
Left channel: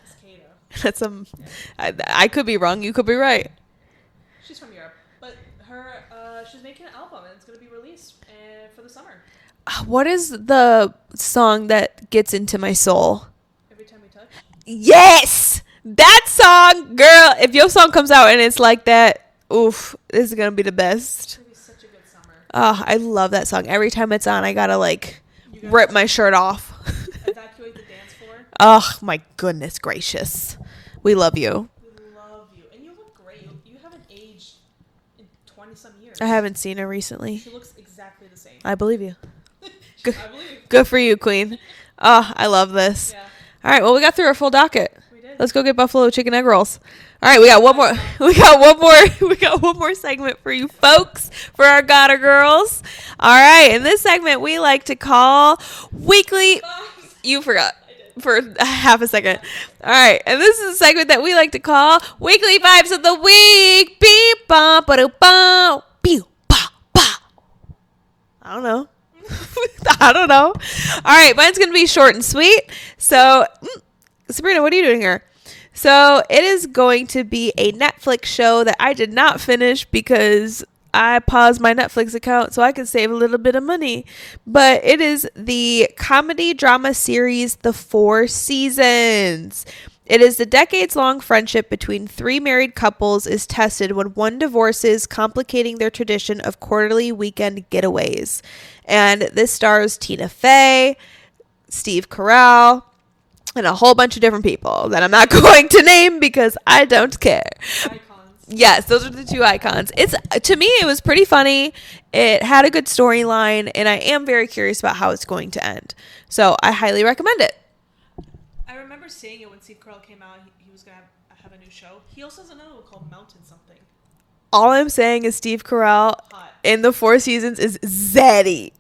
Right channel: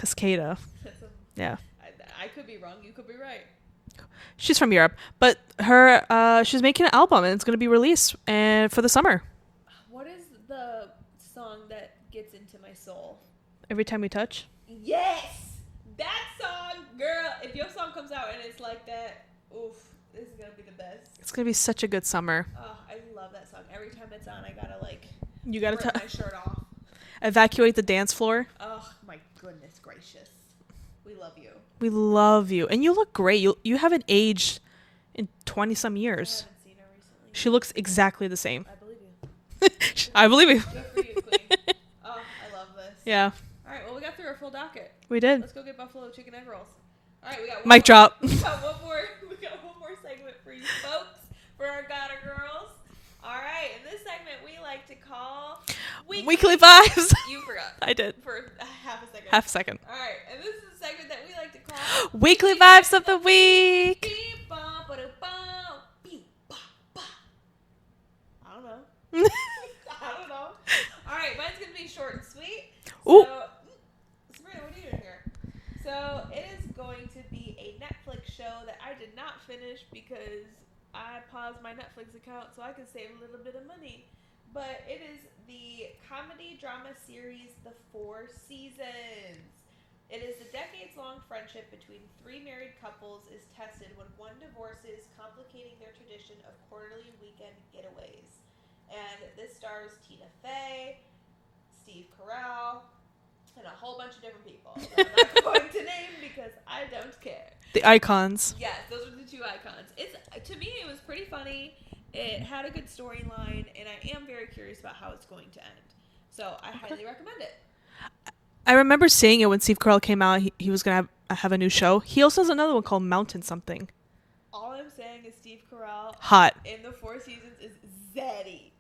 That's yeah. I could be wrong. You could be right. She's from Europe, but she's making an album and it's going to be released and for the summer. What is the song that gets into my soul? Every Time We Touch? Yes! That song, girl. If your song comes out and it's like that, oof, this is going to be the best. It's going to be such a good summer. Oh, I love that song. Every time it's on, I got to rip my shirt off. Evacuate the dance floor. Oh, my goodness gracious. We love you. We love you. And you look great. You haven't aged in 20-some years. I haven't seen her recently. She looks exactly the same. I believe you. I believe you. Good for you, queen. Oh, I love this. Yeah. All right, well, we got through our full docket. We did. Let's go get buffalo chicken egg rolls. All right, we got one Mic more. drop. We got one more segment for you folks, for our Gotta girls. All right, in this segment we like to call Weekly Vibes. You forgot. I did. For half a second. Half a second. All right, and this is a segment that we like to call Weekly Vibes of the Week. Beep, bum, ba-do, bum, pew, ba, ba. I don't know. I don't know. All right, mine's going to be short and sweet. So, Sabrina, what are you doing here? So, it is going to be a Netflix show that I did not finish because I paused my Netflix account so I could save a little bit of money. But it is the comedy drama series, The Four Seasons. It is the decades-long friendship between three married couples is tested when one divorces, complicating their tradition of quarterly weekend getaways. And this stars Tina Fey, Steve Carell, and a whole bunch of different people that I'm not going to name because I don't care. The icons. Yes, those are the two icons. To me, it was pretty funny. It had a good storyline, and I am very curious about how it's going to end. So I highly recommend it. I remember seeing it when Steve Carell came out. He was going to have a new show. He also has another one called Mountain something. All I'm saying is Steve Carell, hot in The Four Seasons, is zaddy.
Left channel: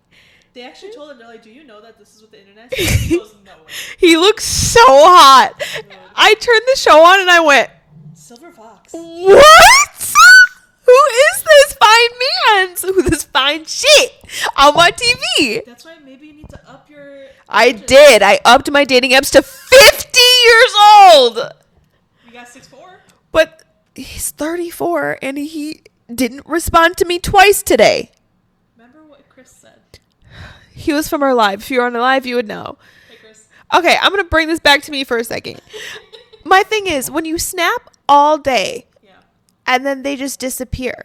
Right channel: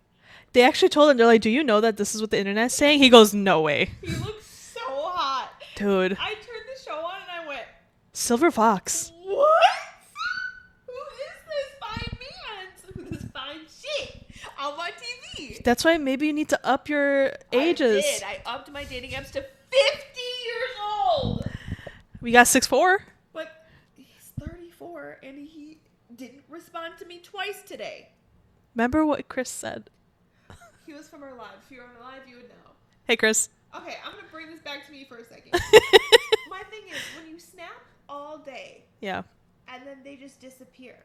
They actually told him, they're like, do you know that this is what the internet's saying? He goes, no way. He looks so hot. Dude. I turned the show on and I went, Silver Fox. What? Who is this fine man? Who this fine shit on my TV? That's why maybe you need to up your ages. I did. I upped my dating apps to 50 years old. We got 6'4". But he's 34 and he didn't respond to me twice today. Remember what Chris said? He was from our live. If you were on the live, you would know. Hey, Chris. Okay, I'm going to bring this back to me for a second. My thing is, when you snap all day, yeah, and then they just disappear,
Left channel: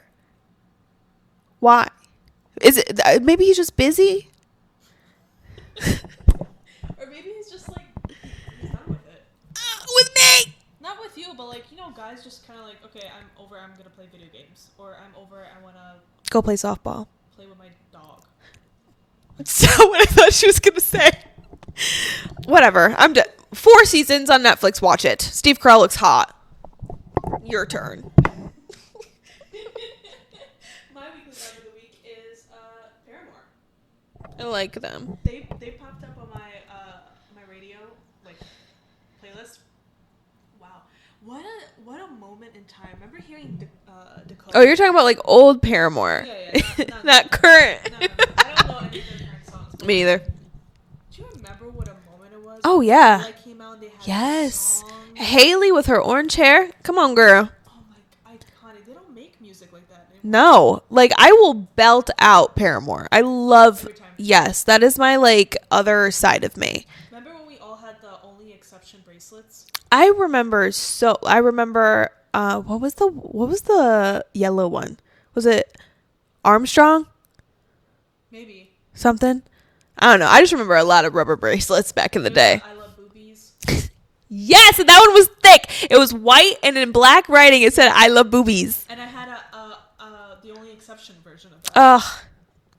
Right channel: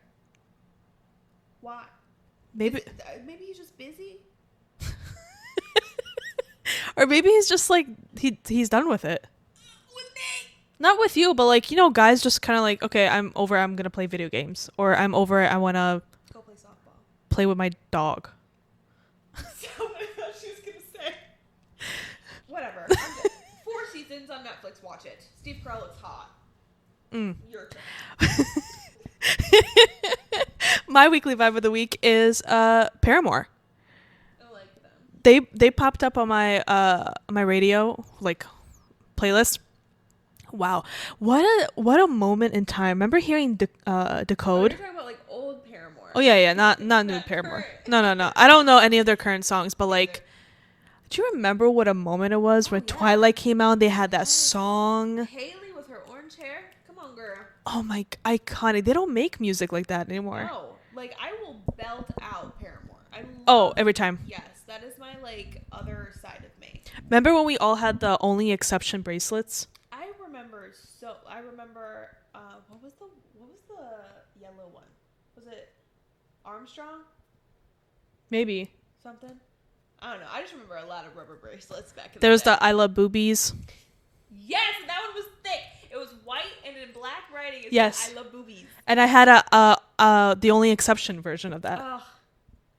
why? Is it maybe he's just busy? Or maybe he's just like, he's done with it. With me? Not with you, but like, you know, guys just kind of like, okay, I'm over, I'm going to play video games. Or I'm over it, I want to go play softball. Play with my dog. So what I thought she was going to say. Whatever. I'm done. 4 seasons on Netflix. Watch it. Steve Carell looks hot. Your turn. My weekly vibe of the week is Paramore. I like them. They popped up on my radio like playlist. Wow, what a moment in time! Remember hearing Decode? Oh, you're talking about like old Paramore. Oh yeah, not not current. No. I don't know any of their current songs, but Me either. Do you remember what a moment it was? Oh when yeah, Twilight came out. They had that song. Haley with her orange hair. Come on, girl. Oh my, iconic. They don't make music like that anymore. No, like I will belt out Paramore. I love every time. Yes, that is my like other side of me. Remember when we all had the Only Exception bracelets? I remember. What was the yellow one? Was it Armstrong? Maybe something. I don't know. I just remember a lot of rubber bracelets back in the day. There was the I Love Boobies. Yes, and that one was thick. It was white and in black writing it said I Love Boobies. And I had the Only Exception version of that. Oh,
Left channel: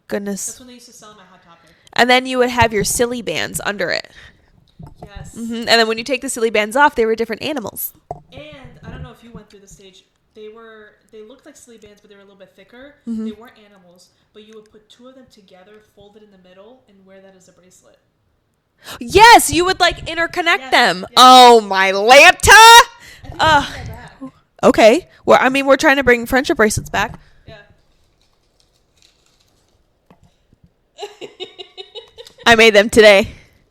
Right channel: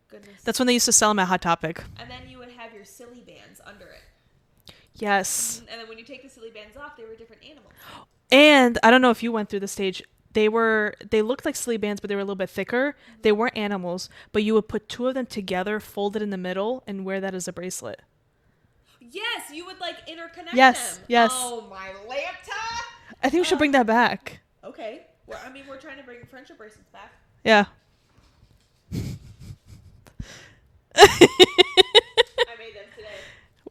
goodness. That's when they used to sell them at Hot Topic. And then you would have your silly bands under it. Yes. Mm-hmm. And then when you take the silly bands off, they were different animals. And I don't know if you went through the stage. They looked like silly bands, but they were a little bit thicker. Mm-hmm. They weren't animals, but you would put two of them together, fold it in the middle, and wear that as a bracelet. Yes, you would like interconnect them. Yes. Oh my Lanta! I think we should bring that back. Okay. Well, I mean, we're trying to bring friendship bracelets back. Yeah. I made them today.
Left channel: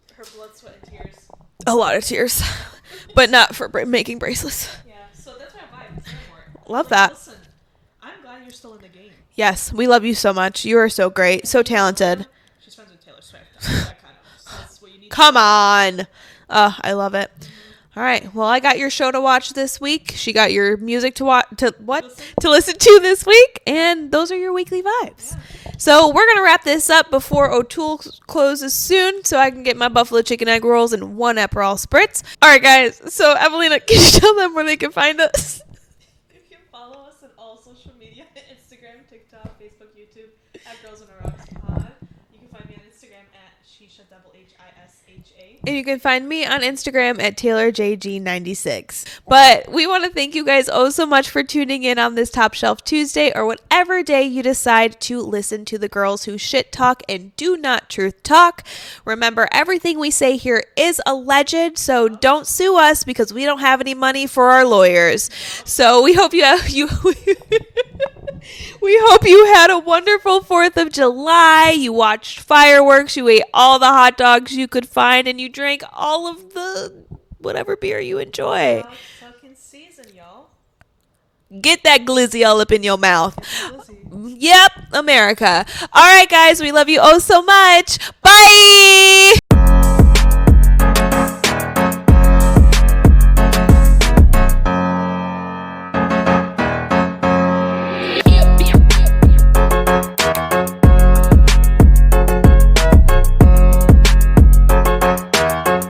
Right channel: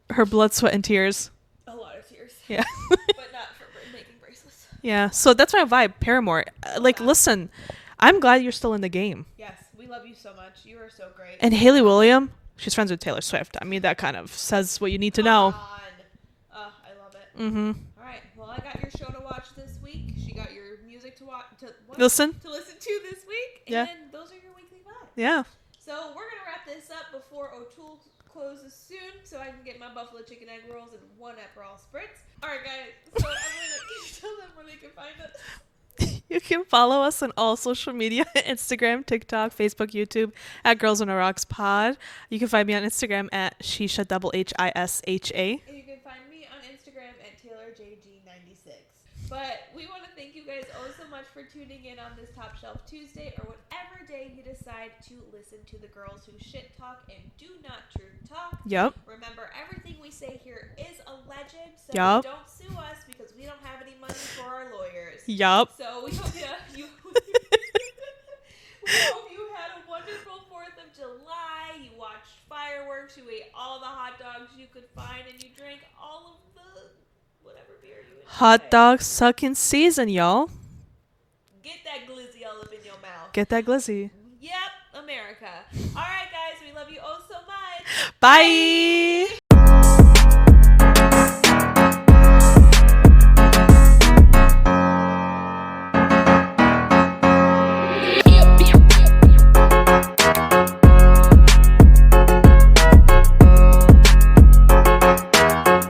Her blood, sweat, and tears. A lot of tears. Yeah. But not for making bracelets. Yeah. So that's my vibe. Paramore. Love that. Listen, I'm glad you're still in the game. Yes. We love you so much. You are so great. And so Haley talented. William, she's friends with Taylor Swift. I mean, that kind of says what you need to know. Come on. I love it. Mm-hmm. All right. Well, I got your show to watch this week. She got your music to watch to listen to this week, and those are your weekly vibes. Yeah. So we're gonna wrap this up before O'Toole closes soon, so I can get my buffalo chicken egg rolls and 1 Aperol spritz. All right, guys. So Evelina, can you tell them where they can find us? You can follow us on all social media, Instagram, TikTok, Facebook, YouTube, at Girls on the Rocks Pod. You can find me on Instagram at Shisha HISHA. And you can find me on Instagram at TaylorJG96. But we want to thank you guys so much for tuning in on this Top Shelf Tuesday, or whatever day you decide to listen to the girls who shit talk and do not truth talk. Yep. Remember, everything we say here is alleged, so don't sue us because we don't have any money for our lawyers. Yup. So we hope we hope you had a wonderful 4th of July. You watched fireworks, you ate all the hot dogs you could find, and you drank all of the whatever beer you enjoy. Hot dog sucking season, y'all. Get that glizzy all up in your mouth. Get that glizzy. Yep, America. All right, guys, we love you so much. Bye.